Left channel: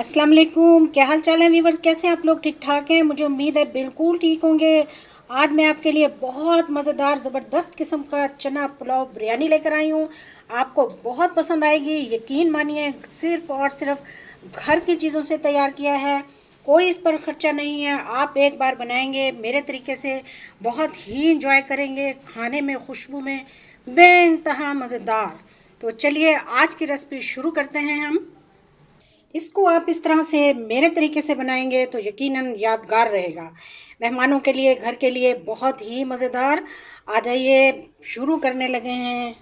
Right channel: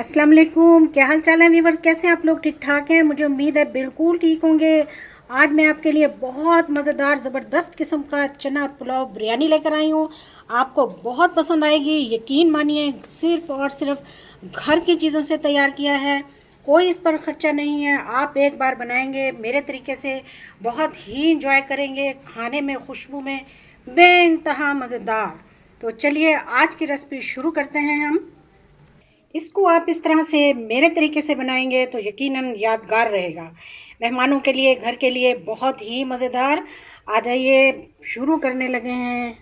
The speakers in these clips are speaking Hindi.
अस्सलाम वालेकुम। क्या हाल चाल है व्यूवर्स? कैसे आप लोग? ठीक ठाक हैं? मुझे उम्मीद है बिल्कुल ठीक होंगे। आज मैं आपके लिए बहुत मज़ेदार ज़बरदस्त किस्म का चना पुलाव बिरयानी लेकर आई हूँ। आपको बहुत पसंद आएगी, यकीन मानिए। सिर्फ और सिर्फ घर की चीज़ों से तैयार किया है, कोई इस पर ख़र्चा नहीं है। आप एक बार बनाएंगे मेरे तरीके से, बहुत ही इंजॉय करेंगे। खाने में, खुशबू में बेइंतहा मज़ेदार। तो चलिए आज की रेसिपी शुरू करते हैं हम। इसको आप इस तरह से मेरे तरीके से बनाएंगे तो यकीनन यादगार रहेगा। मेहमानों के लिए, घर के लिए बहुत ही मज़ेदार। आ जाइए, शुरू करने लगे हैं।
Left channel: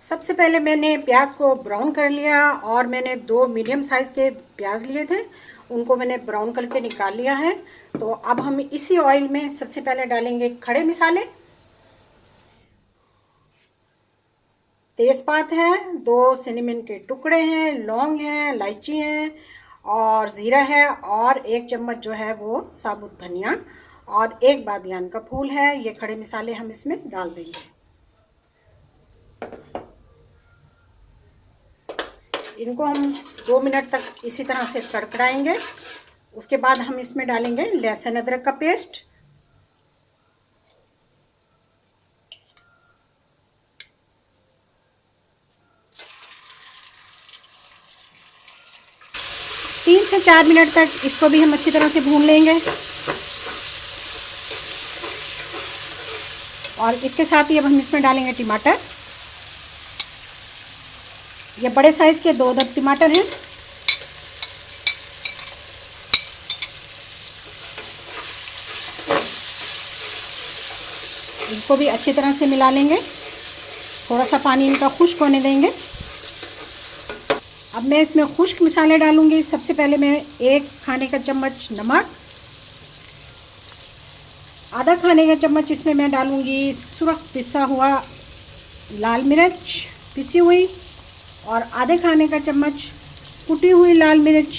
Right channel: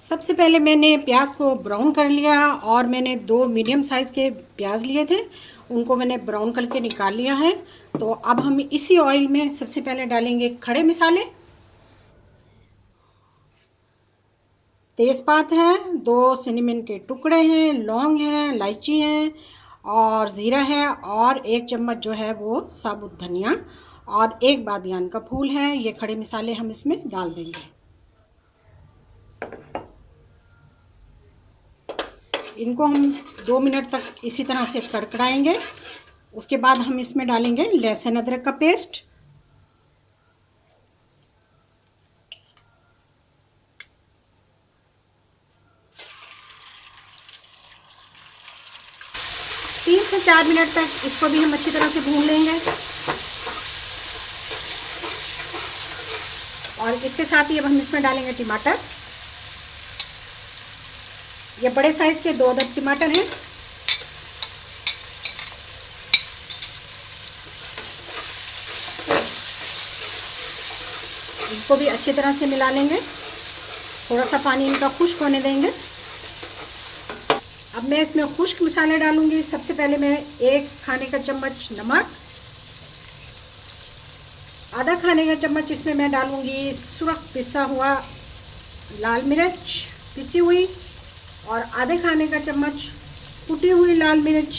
सबसे पहले मैंने प्याज को ब्राउन कर लिया और मैंने दो मीडियम साइज़ के प्याज लिए थे, उनको मैंने ब्राउन करके निकाल लिया है। तो अब हम इसी ऑयल में सबसे पहले डालेंगे खड़े मसाले। तेज़पात है, दो सिनेमन के टुकड़े हैं, लौंग है, इलायची है और ज़ीरा है और एक चम्मच जो है वो साबुत धनिया और एक बादियान का फूल है। ये खड़े मसाले हम इसमें डाल देंगे। इनको हम 2 मिनट तक इसी तरह से कड़कड़ाएंगे। उसके बाद हम इसमें डालेंगे लहसुन अदरक का पेस्ट। 3 से 4 मिनट तक इसको भी हम अच्छी तरह से भून लेंगे। और इसके साथ ही अब हम इसमें डालेंगे टमाटर। ये बड़े साइज़ के 2 अदद टमाटर हैं। इनको भी अच्छी तरह से मिला लेंगे, थोड़ा सा पानी इनका खुश्क होने देंगे। अब मैं इसमें खुश्क मसाले डालूंगी। सबसे पहले मैं 1 खाने का चम्मच नमक, आधा खाने का चम्मच इसमें मैं डालूंगी सुरख पिसा हुआ लाल मिर्च पिसी हुई और आधे खाने का चम्मच कुटी हुई लाल मिर्च।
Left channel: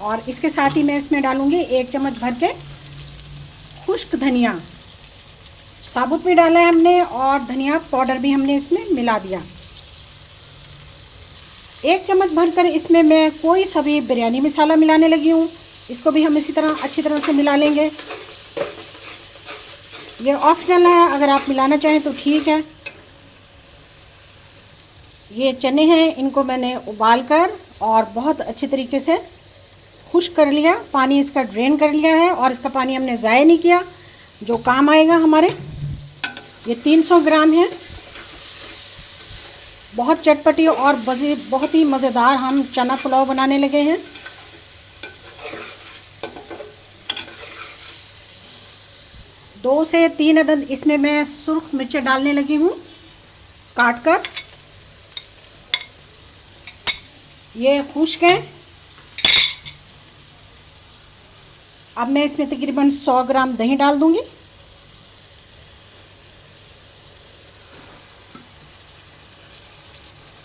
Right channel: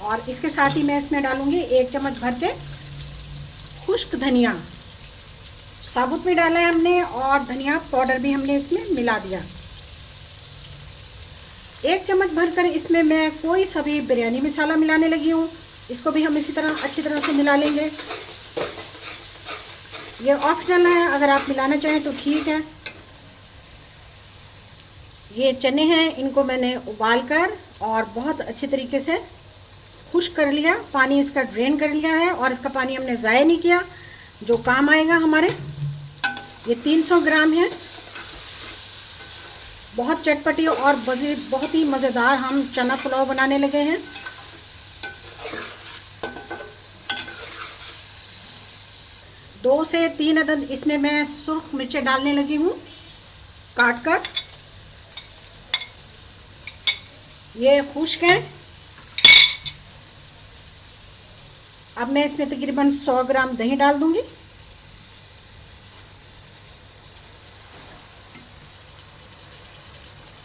और इसके साथ ही मैं इसमें डालूंगी 1 चम्मच भर के खुश्क धनिया। साबुत भी डाला है हमने और धनिया पाउडर भी हमने इसमें मिला दिया। 1 चम्मच भरकर इसमें मैं कोई सा भी बिरयानी मसाला मिलाने लगी हूँ। इसको भी हम इसी तरह अच्छी तरह से मिला लेंगे। ये ऑप्शनल है, अगर आप मिलाना चाहें तो ठीक है। ये चने हैं, इनको मैंने उबाल कर और बहुत अच्छे तरीके से खुश्क कर लिया, पानी इसका ड्रेन कर लिया है और इसका पानी हमने ज़ाया नहीं किया, जो काम आएगा हमारे। ये 300 ग्राम है। बहुत चटपटी और बहुत ही मज़ेदार हम चना पुलाव बनाने लगे हैं। दो से 3 अदद इसमें मैं सुर्ख मिर्चें डालने लगी हूँ काट कर। ये खुश्क है। अब मैं इसमें तकरीबन 100 ग्राम दही डाल दूंगी।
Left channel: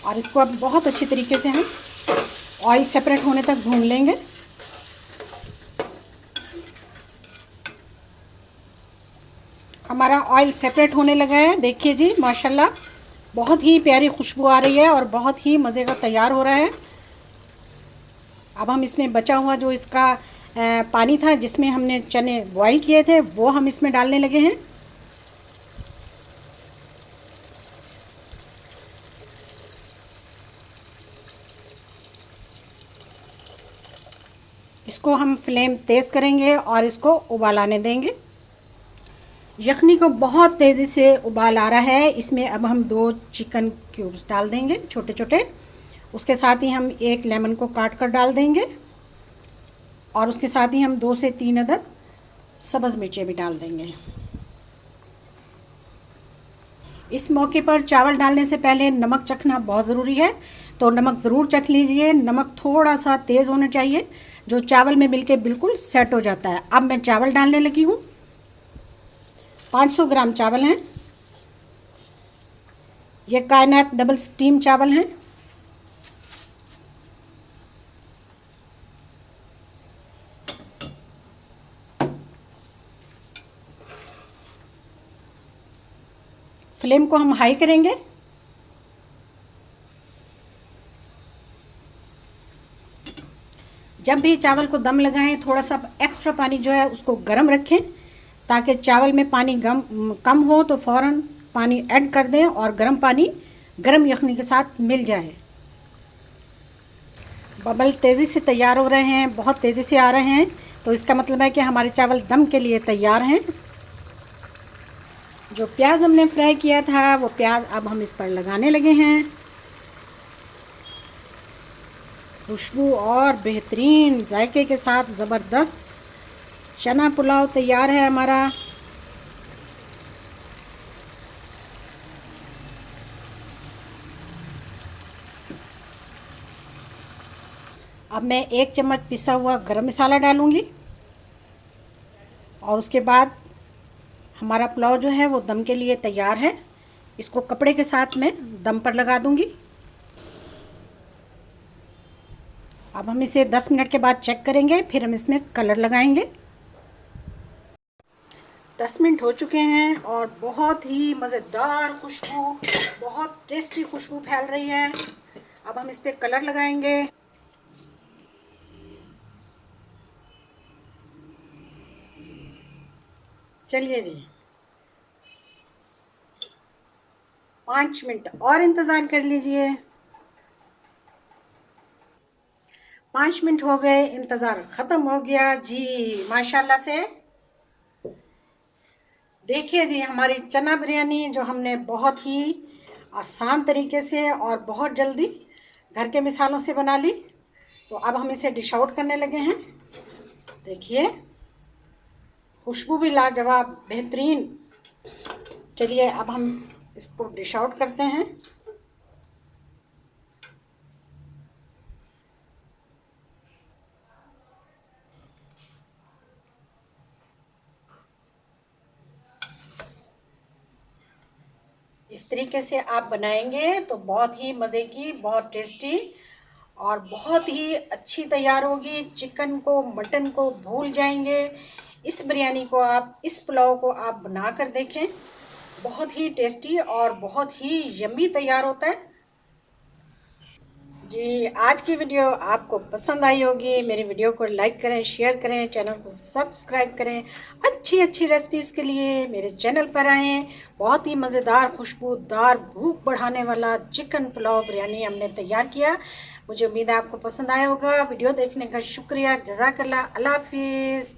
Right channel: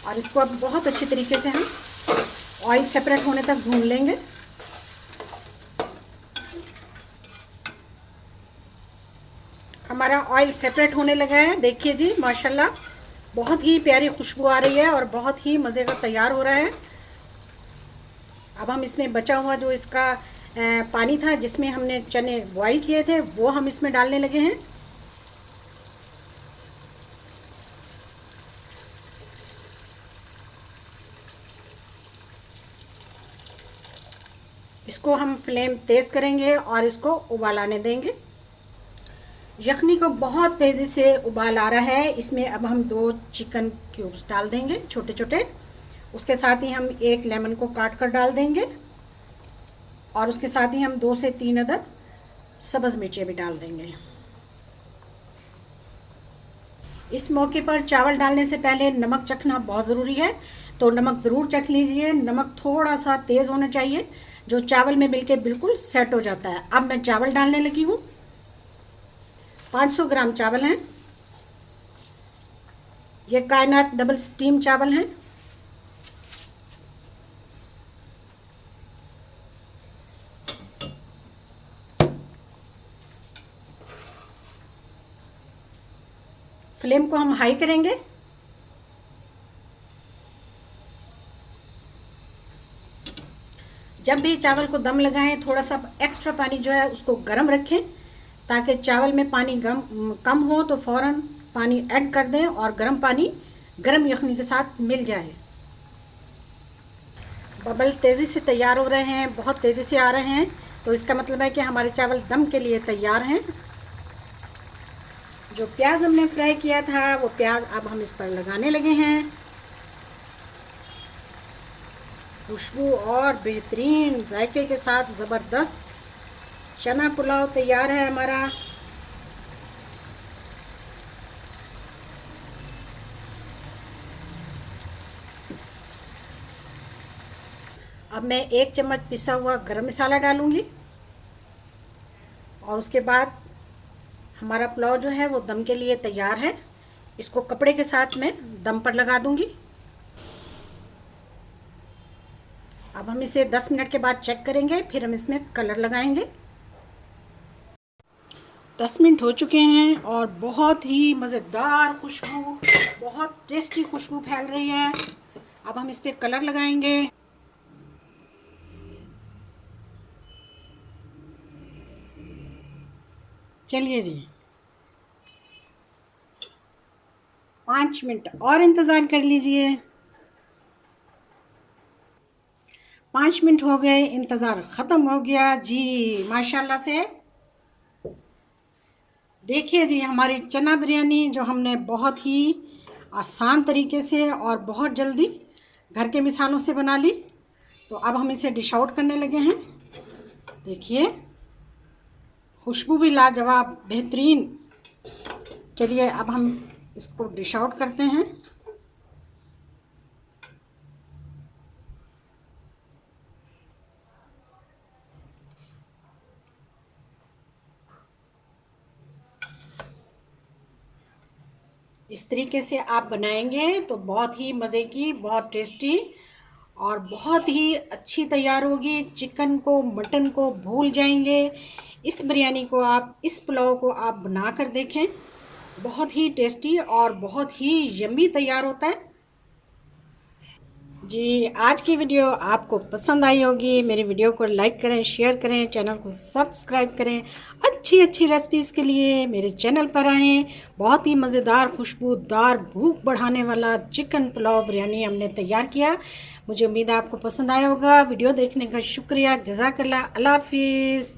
और इसको अब बहुत अच्छी तरीके से हम ऑयल सेपरेट होने तक भून लेंगे। हमारा ऑयल सेपरेट होने लगा है, देखिए जी माशाल्लाह, बहुत ही प्यारी खुशबू आ रही है और बहुत ही मज़े का तैयार हो रहा है। अब हम इसमें बचा हुआ जो इसका पानी था जिसमें हमने चने बॉईल किए थे वो हम इसमें डालने लगे हैं। इसको हम फ्लेम तेज़ करेंगे और इसको उबाल आने देंगे। यखनी को बहुत तेज़ी से उबाल आ रहा है। इसमें अब हम 2 चिकन क्यूब्स डाल देंगे छोटे छोटे। उसके साथ ही हम 1 लेमन को काट कर डाल देंगे और उसके साथ ही हम 2 से 3 अदद सब्ज़ मिर्चें भी डाल देंगे। इस मौके पर चावल डालने से पहले नमक चखना बहुत ज़रूरी है, तो नमक ज़रूर चख लीजिए। नमक थोड़ा सा तेज़ होना चाहिए, जो चावल में मिलके बिल्कुल सेट हो जाता है। अब मैं चावल डालने लगी हूँ। 500 ग्राम चावल हैं। ये कायनात डबल स्टीम चावल हैं। फ्लेम को हम हाई करेंगे। जब भी चावल को दम लगाएं थोड़ा सा एक्स्ट्रा पानी जो है उसको गर्म रखें, ताकि चावल में पानी कम हो तो फ़ौरन पानी ऐड कर दें और गर्म पानी गर्म यखनी के साथ मिल जाए। बबल तेज़ी से तैयार हो रहे हैं, बहुत तेज़ी से आ रहे हैं, तो इसका मतलब है कि हमारे चावल दम के लिए तैयार हैं। जो प्याज हमने फ्राई किया था वो प्याज अब हम इस पर लगाने लगे हैं। खुशबू और बेहतरीन जायके के साथ ज़बरदस्त चना पुलाव तैयार है हमारा। अब मैं 1 चम्मच पिसा हुआ गरम मसाला डालूंगी और उसके बाद हमारा पुलाव जो है वो दम के लिए तैयार है। इसको कपड़े के साथ मैं दम पर लगा दूंगी। अब हम इसे 10 मिनट के बाद चेक करेंगे, फिर हम इसमें कलर लगाएंगे। 10 मिनट हो चुके हैं और बहुत ही मज़ेदार खुशबू, बहुत टेस्टी खुशबू फैल रही है। अब हम इस पर कलर लगाएंगे। चलिए जी, 5 मिनट और इंतज़ार कर लीजिए। 5 मिनट हो गए, इंतज़ार ख़त्म हो गया जी माशाल्लाह से। देखिए जी, हमारी चना बिरयानी जो हमने बहुत ही आसान तरीके से और बहुत जल्दी घर के मिसालों से बना ली, तो अब हम इसे डिश आउट करने लगे हैं। देखिए, खुशबू भी लाजवाब बेहतरीन। चलिए अब हम इसको डिश आउट करते हैं। इस तरीके से आप बनाएंगे तो बहुत ही मज़े की, बहुत टेस्टी और बहुत ही अच्छी तैयार होगी। चिकन को, मटन को भूल जाएंगे। इस बिरयानी को आप, इस पुलाव को आप बना कर देखें, बहुत ही टेस्टी और बहुत ही यम्मी तैयार होता है जी। आज की वीडियो आपको पसंद आई होगी। मेरी वीडियो को लाइक करें, शेयर करें, चैनल को सब्सक्राइब करें। अच्छी अच्छी रेसिपीज़ के लिए मेरे चैनल पर आएँ। बहुत ही मज़ेदार, खुशबूदार, भूख बढ़ाने वाला चिकन पुलाव बिरयानी हमने तैयार किया। मुझे उम्मीद है आपको पसंद आया होगा। वीडियो देखने का शुक्रिया। जज़ाकल्लाह। अल्लाह हाफ़िज़।